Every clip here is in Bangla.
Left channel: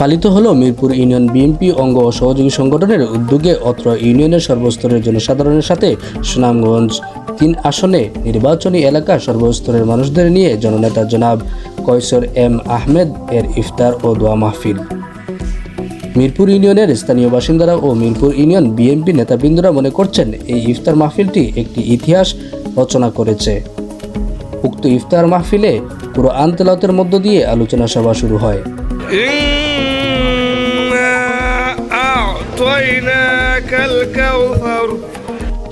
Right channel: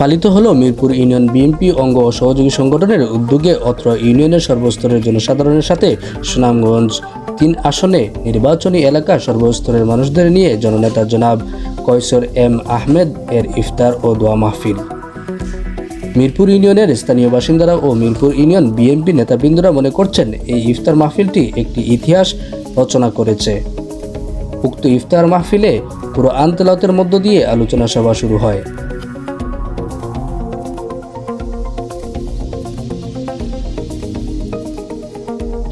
পালিত হলো মিরপুর ইউনিয়ন বিএনপি অঙ্গ ও সহযোগী সংগঠনের উদ্যোগে অত্র ইউনিয়নের সর্বস্তরের জনসাধারণের সাথে সুনামগঞ্জ 3 আসনে নির্বাচনী এলাকার সর্বস্তরের মানুষদের নিয়ে জননেতা জনাব কয়সর এম আহমেদ এর ইফতার ও দোয়া মাহফিল। মিরপুর ইউনিয়নের স্থানীয় বাসিন্দারা ও মিরপুর ইউনিয়ন বিএনপি নেতাবৃন্দরা মনে করছেন এই ইফতার মাহফিলটি একটি ইতিহাস রচনা করেছে। উক্ত ইফতার মাহফিলে কুরআন তেলাওয়াতের মধ্য দিয়ে আলোচনা সভা শুরু হয়।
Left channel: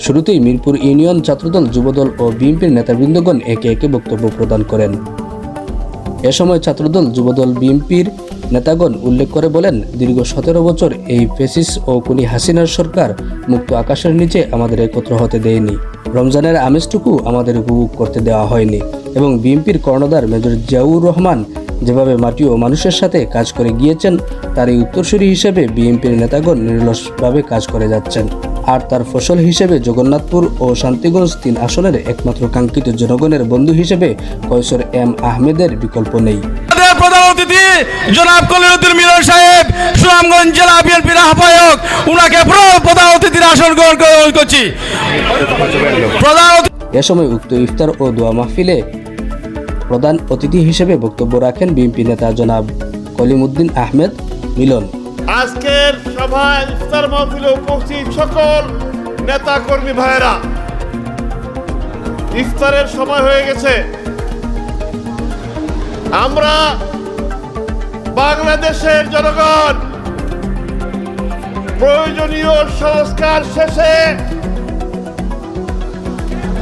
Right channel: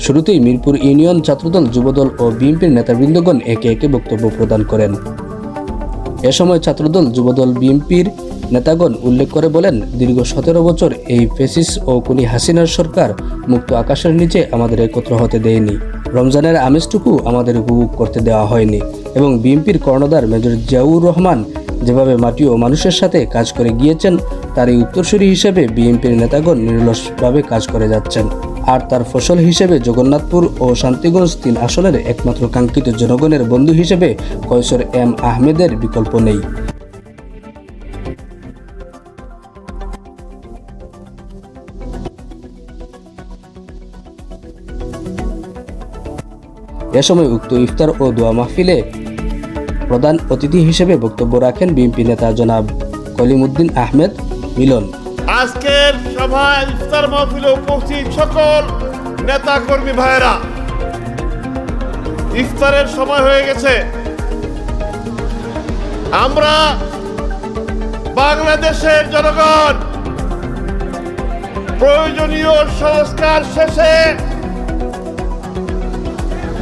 শুরুতেই মিরপুর ইউনিয়ন ছাত্রদল, যুবদল ও বিএনপির নেতাবৃন্দগণ একে একে বক্তব্য প্রদান করেন। এ সময় ছাত্রদল, যুবদল, বিএনপির নেতাগণ উল্লেখ করে বলেন, দীর্ঘ 17 বছর এই ফ্যাসিস্ট ও খুনি হাসিনার সরকার মুক্ত আকাশের নিচে আমাদের একত্র হতে দেয়নি, রমজানের আমেজটুকু আমাদের উপভোগ করতে দেওয়া হয়নি এবং বিএনপির কর্ণধার মেজর জিয়াউর রহমান যেভাবে মাটি ও মানুষের সাথে কাজ করে গিয়েছেন তারই উত্তরসূরি হিসেবে বিএনপির নেতাগণ নিরলসভাবে কাজ করে যাচ্ছেন। আর তার ফসল হিসেবে জগন্নাথপুর ও শান্তিগঞ্জ 3 আসনের একমাত্র কাঙ্ক্ষিত জনগণের বন্ধু হিসেবে কয়সর এম আহমেদের বিকল্প নেই। প্রধান অতিথি জনাব কলিউদ্দিন মিলন সাহেব, সুনামগঞ্জ জেলা বিএনপির আহ্বায়ক, উনাকে প্রধান অতিথির আসন গ্রহণ করছি। এ সময় উক্ত ইফতার ও দোয়া মাহফিলে প্রধান অতিথি হিসেবে বক্তব্য রাখেন বিএনপি নেতা জনাব কলিমুদ্দিন আহমেদ মিলন। আজকের সভায় ইফতার মাহফিলে উপস্থিত সকল নেতা কর্মী ভাইয়েরা, ইফতারের সময় হয়ে গেছে। আমরা বাংলাদেশের জনগণ প্রয়োজনীয় সংস্কার শেষে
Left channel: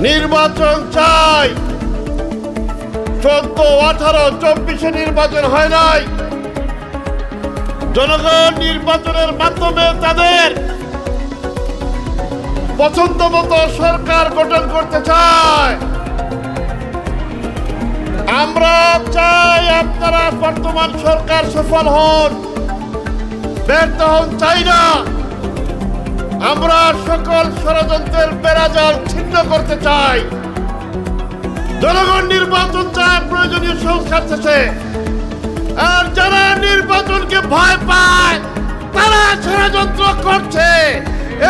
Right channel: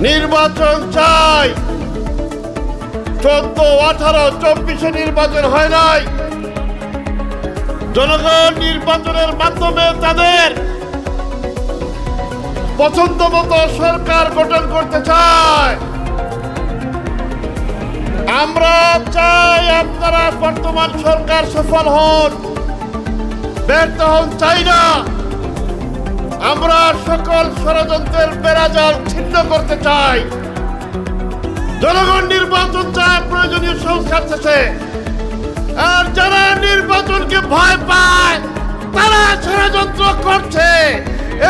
নির্বাচন চাই। 14, 18, 24 নির্বাচন হয় নাই। জনগণ নির্বাচনের মাধ্যমে তাদের পছন্দ মতো সরকার গঠন করতে চায়। আমরা চাই আপনারা বর্তমান সরকার সফল হন, ব্যর্থ হন চাই না। আমরা সকল ষড়যন্ত্রের বেড়াজাল ছিন্ন করতে চাই। জনগণ নির্বাচন চায় প্রয়োজনীয় সংস্কার শেষে। আর যারা নির্বাচনকে ভয় পায় তারা ষড়যন্ত্র করছে।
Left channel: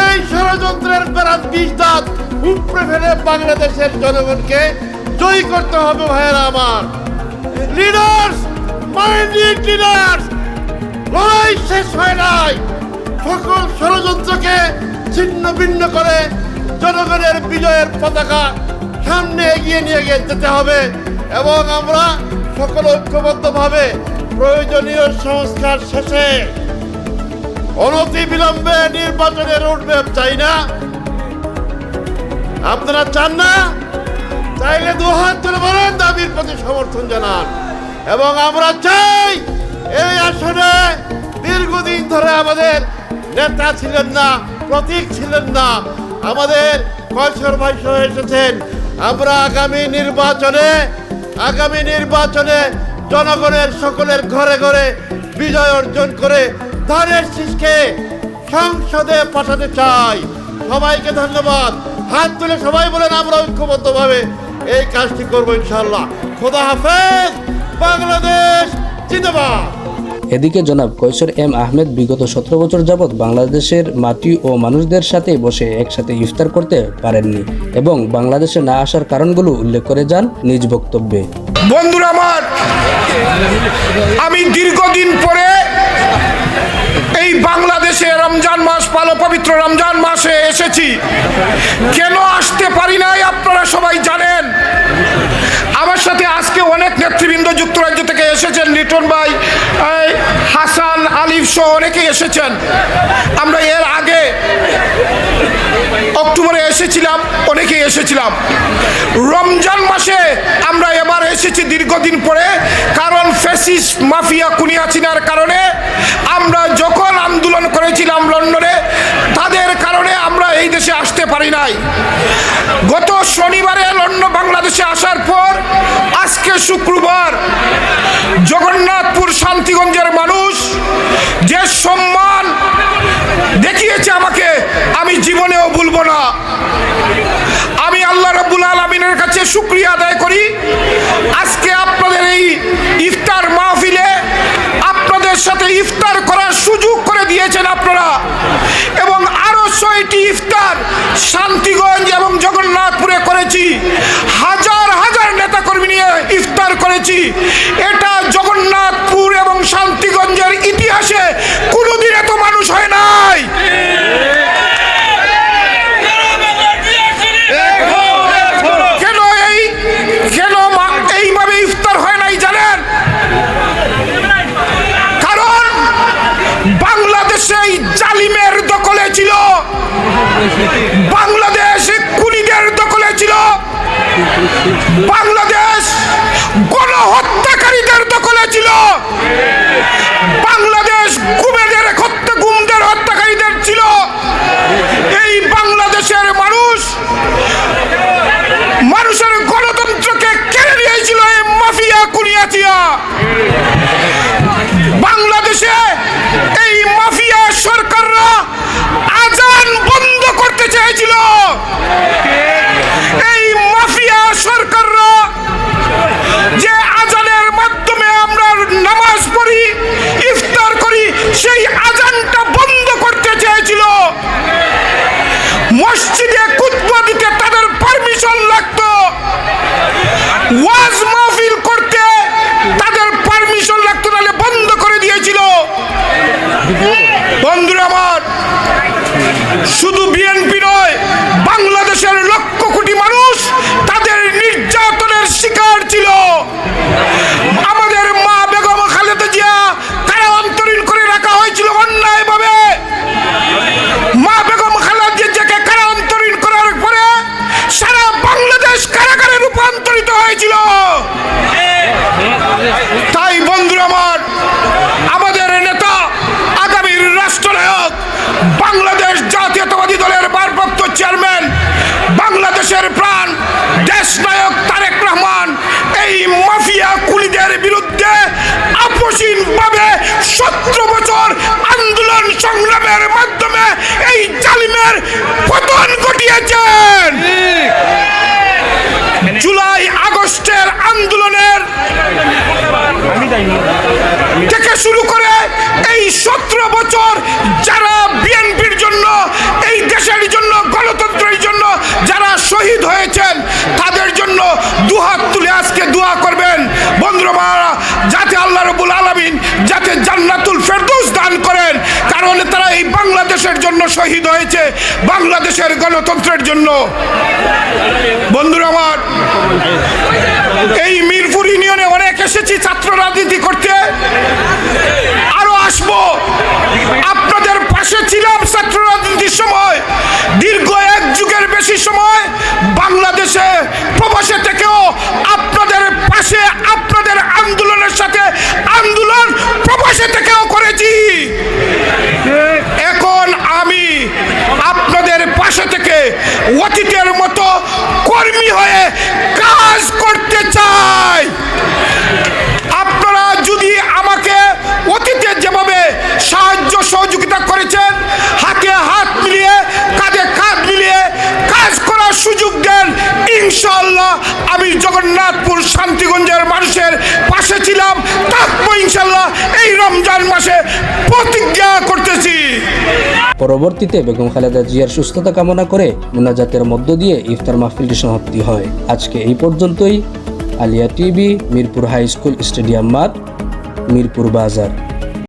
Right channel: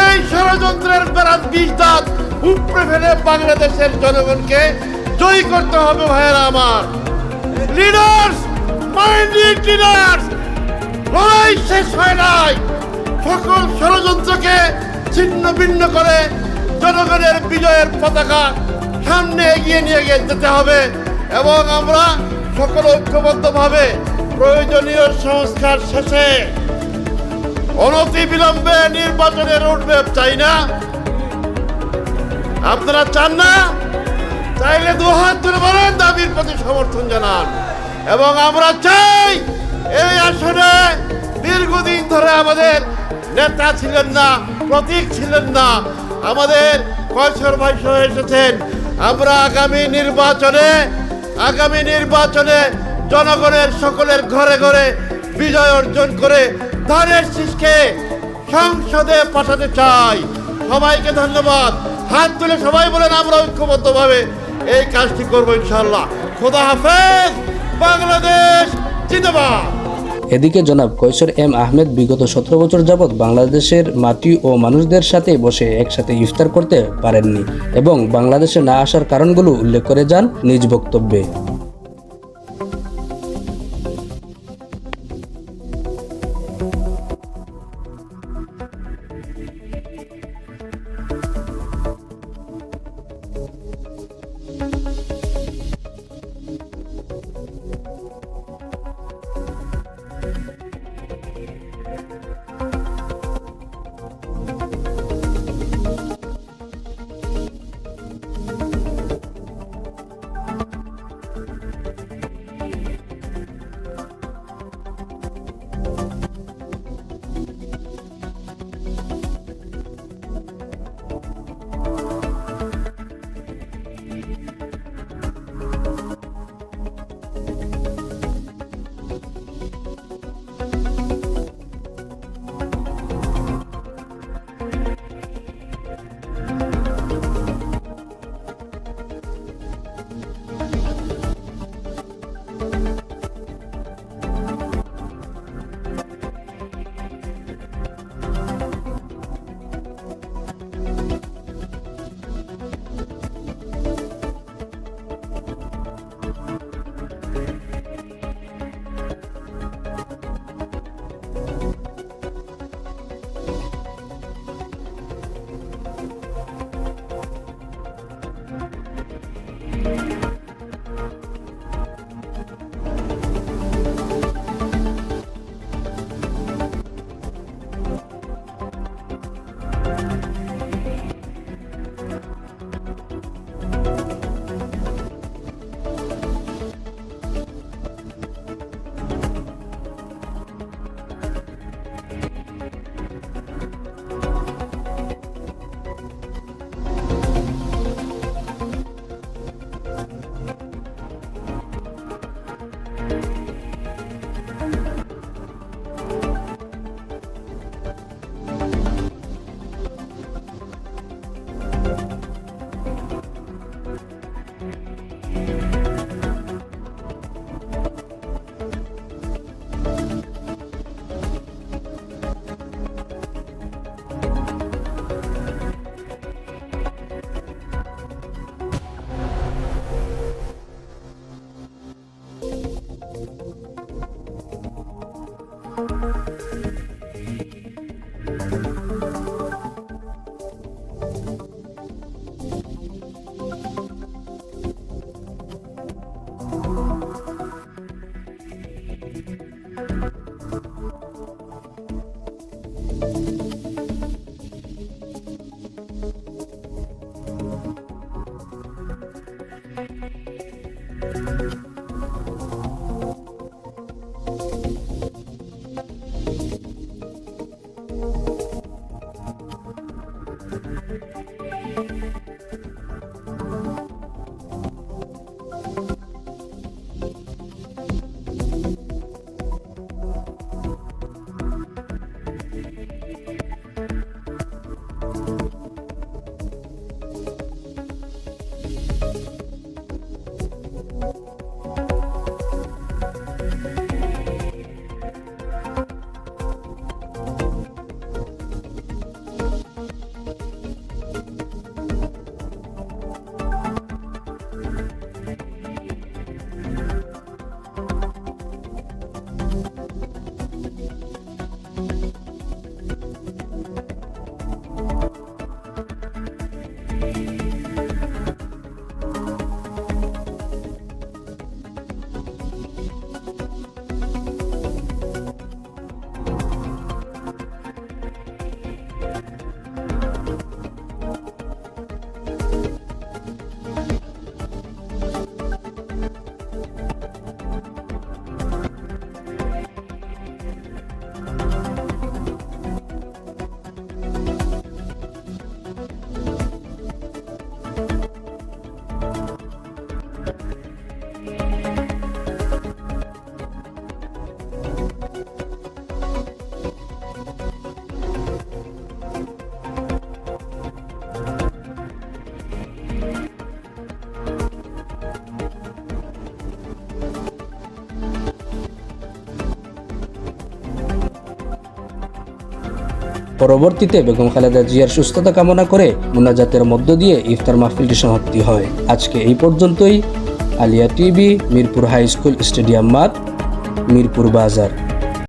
এই ষড়যন্ত্রের বেড়ার বিষ দাঁত উপড়ে ফেলে বাংলাদেশের জনগণকে জয়ী করতে হবে। ভাইয়েরা আমার, লিডার্স, মাইন্ডেড লিডার্স, লড়াই শেষ হয় নাই। সকল ষড়যন্ত্রকে ছিন্ন ভিন্ন করে জনগণের বিজয়ের পতাকা সামনে এগিয়ে নিয়ে যেতে হবে এবং আমরা সকল ঐক্যবদ্ধভাবে প্রয়োজনীয় সংস্কার শেষে অনতি বিলম্বে নির্বাচনে রোডম্যাপ চাই না। আপনারা চান না? চাইলে 2 হাত তুলে বলেন, দাবির প্রতি সমর্থন জানান। এবং আমরা চাই এই আসনে দীর্ঘদিন ধরে আমাদের নেতা ছিলেন না, প্রতীক ছিলেন না, আমাদের কয়সর ভাই সহ এসেছেন। আমরা আগামী নির্বাচনে জনগণের সকলের ঘরে ঘরে বিজয় অর্জন করে ধানের শীষকে সংসদে পাঠাতে চাই। সবাইকে ধন্যবাদ। হাত তুলে সবাই বলেন, আমরা ঐক্যবদ্ধভাবে এই কাজটি করবো ইনশাআল্লাহ। খোদা হাফেজ। বাংলাদেশ জিন্দাবাদ। এদিকে জনাব কয়সর এম আহমেদ বিগত 17 বছর যাবৎ বাংলাদেশের মাটি ও মানুষদের সাথে বসে একসাথে ইফতার করতে পারেননি এবং বাংলাদেশে না আসার কারণগুলো উল্লেখ করে যান নিজ বক্তব্যে। বন্ধুরা আমার, আমি দীর্ঘদিন পরে এই বাংলাদেশে রমজান মাস, পবিত্র রমজান মাসে এসেছি। কেন আসতে পারি নাই আপনারা সবাই জানেন। আমার সাথে আজকে অনেক নেতৃবৃন্দ যুক্তরাজ্য থেকে এসেছেন, লিটন ভাই, হাসান, আলিফ সহ অনেকেই এসেছেন। আমরা এর আগে অক্টোবরে এসেছিলাম, অনেকেই এসেছিলাম। রমজান মাসে আমরা এবার এসেছি দীর্ঘদিন পরে, কারণ ফ্যাসিস্ট মাফিয়া খুনি হাসিনার কারণে আমরা যখন আন্দোলন করেছিলাম লন্ডনে, তাদের কারণে আমরা এই দেশে আসতে পারি নাই। গত শনিবারে লন্ডন বাংলাদেশে আসার পর আজকে শুক্রবার জগন্নাথপুর শান্তিগঞ্জের মানুষ যে সম্মান দেখিয়েছে আমাকে, আমি জীবনেও ভুলবো না। আমি আল্লাহ রাব্বুল আলামিনের কাছে শুকরিয়া আদায় করি। আজকে আপনাদের এই ইফতার মাহফিলে আপনাদের সাথে ইফতার ইফতার করার সুযোগ করে দিয়েছেন আপনারা, এবং আরো 6টি ইফতার শান্তিগঞ্জ এবং জগন্নাথপুরে করেছি। হাজার হাজার নেতাকর্মী নিয়ে ইফতার করেছি। এটা জগন্নাথপুর এবং শান্তিগঞ্জের ইতিহাসে কোনোদিন এত মানুষ হয় নাই। কেন এইভাবে ইফতার হয় নাই জানেন? কারণ বাংলাদেশে এই জালিমের দখলে ছিল, বাংলাদেশ খুনিদের দখলে ছিল, বাংলাদেশ গণহত্যাকারীদের দখলে ছিল, বাংলাদেশ গুমেদের গুমদের হত্যাকারীদের ছিল। এই বাংলাদেশের মানুষের গণতন্ত্রকে কেড়ে নিয়েছিল এই মাফিয়া কুনিয়াতিয়া। বাংলাদেশে এই মাফিয়া সরকাররা আজান বন্ধ করতে চেয়েছিল। এই মাফিয়া সরকাররা যে আজানের মাধ্যমে আমরা নামাজ পড়ি, ইফতার করি, সেই আজানটা বন্ধ করতে চেয়েছিল। মসজিদে খুতবা দিতে তাদের পারমিশন লাগতো, ওয়াজ মাহফিল করতে তাদের পারমিশন লাগতো, নাহলে বন্ধ করে দিয়েছিল। বন্ধুরা আমার, শুধু বিএনপি নয়, বাংলাদেশের লক্ষ কোটি মানুষ তাদের নির্যাতনের শিকার ছিল। আমাদের মা বেগম খালেদা জিয়া কারা অন্তরীণ করে রাখা হয়েছিল অন্যায়ভাবে। মা বেগম খালেদা জিয়াকে কারা অন্তরীণ করার পরে সারা বাংলাদেশ কারাগারে রূপান্তরিত হয়েছিল। তাই বন্ধুরা আমার, আমাদের নেতা, আগামীর রাষ্ট্রনায়ক, বাংলাদেশ জাতীয়তাবাদী দলের ভারপ্রাপ্ত চেয়ারম্যান, বাংলাদেশের প্রাণ দেশনায়ক তারেক রহমান এই মাফিয়া কুলিদের বিরুদ্ধে আপসীনভাবে 17 বছর আন্দোলন সংগ্রামের মাধ্যমে এই জালিমের পতন ঘটিয়েছেন। জুলাই আগস্টের আন্দোলনের থেকে শুরু করে এই 17 বছর যারা বিএনপির জন্য, এই দেশের জন্য, গণতন্ত্রের জন্য যারা শহীদ হয়েছেন, তাদের জন্য দুহাত তুলে আজকে দোয়া করবেন বন্ধুরা, যাতে আল্লাহ রাব্বুল আলামিন যাতে জান্নাতুল ফেরদৌস দান করেন। কারণ তারা এই বাংলাদেশের জন্য শহীদ হয়েছে, বাংলাদেশের গণতন্ত্রের জন্য। বন্ধুরা আমার, এই মিরপুর ইউনিয়নে অনেক এসেছি ছাত্র রাজনীতি করতে, আরো আসবো। আপনাদের পাশে ছিলাম ছাত্র রাজনীতির সময়, দীর্ঘ 1 যুগের বেশি সময় বাংলাদেশে প্রবাসে থেকেও আপনাদের পাশে, আপনাদের আন্দোলনের সাথে আন্দোলন প্রবাসে থেকেও করেছি। এখন আমি আপনাদের পাশে থেকে অতীতের মতো কর্মী হয়ে কাজ করতে চাই। আপনারা যদি আমাকে অতীতে যেভাবে সাহায্য সহযোগিতা করেছেন, হাতে হাত মিলিয়ে, কাঁধে কাঁধ মিলিয়ে কাজ করার সুযোগ দেন, ইনশাআল্লাহ আমি জগন্নাথপুর শান্তিগঞ্জের মানুষের পাশে ছিলাম, থাকবো ইনশাআল্লাহ। এই রমজান মাসে প্রতিজ্ঞা করতেছি। পরবর্তীতে বেগম খালেদা জিয়ার সুস্থতা কামনা করে মুনাজাতের মধ্য দিয়ে ইফতার মাহফিলটি সমাপ্তি হয়। আজকে এই পর্যন্তই। Aliya TV, Mirpur high school stadium মাঠ, মিরপুর বাজার।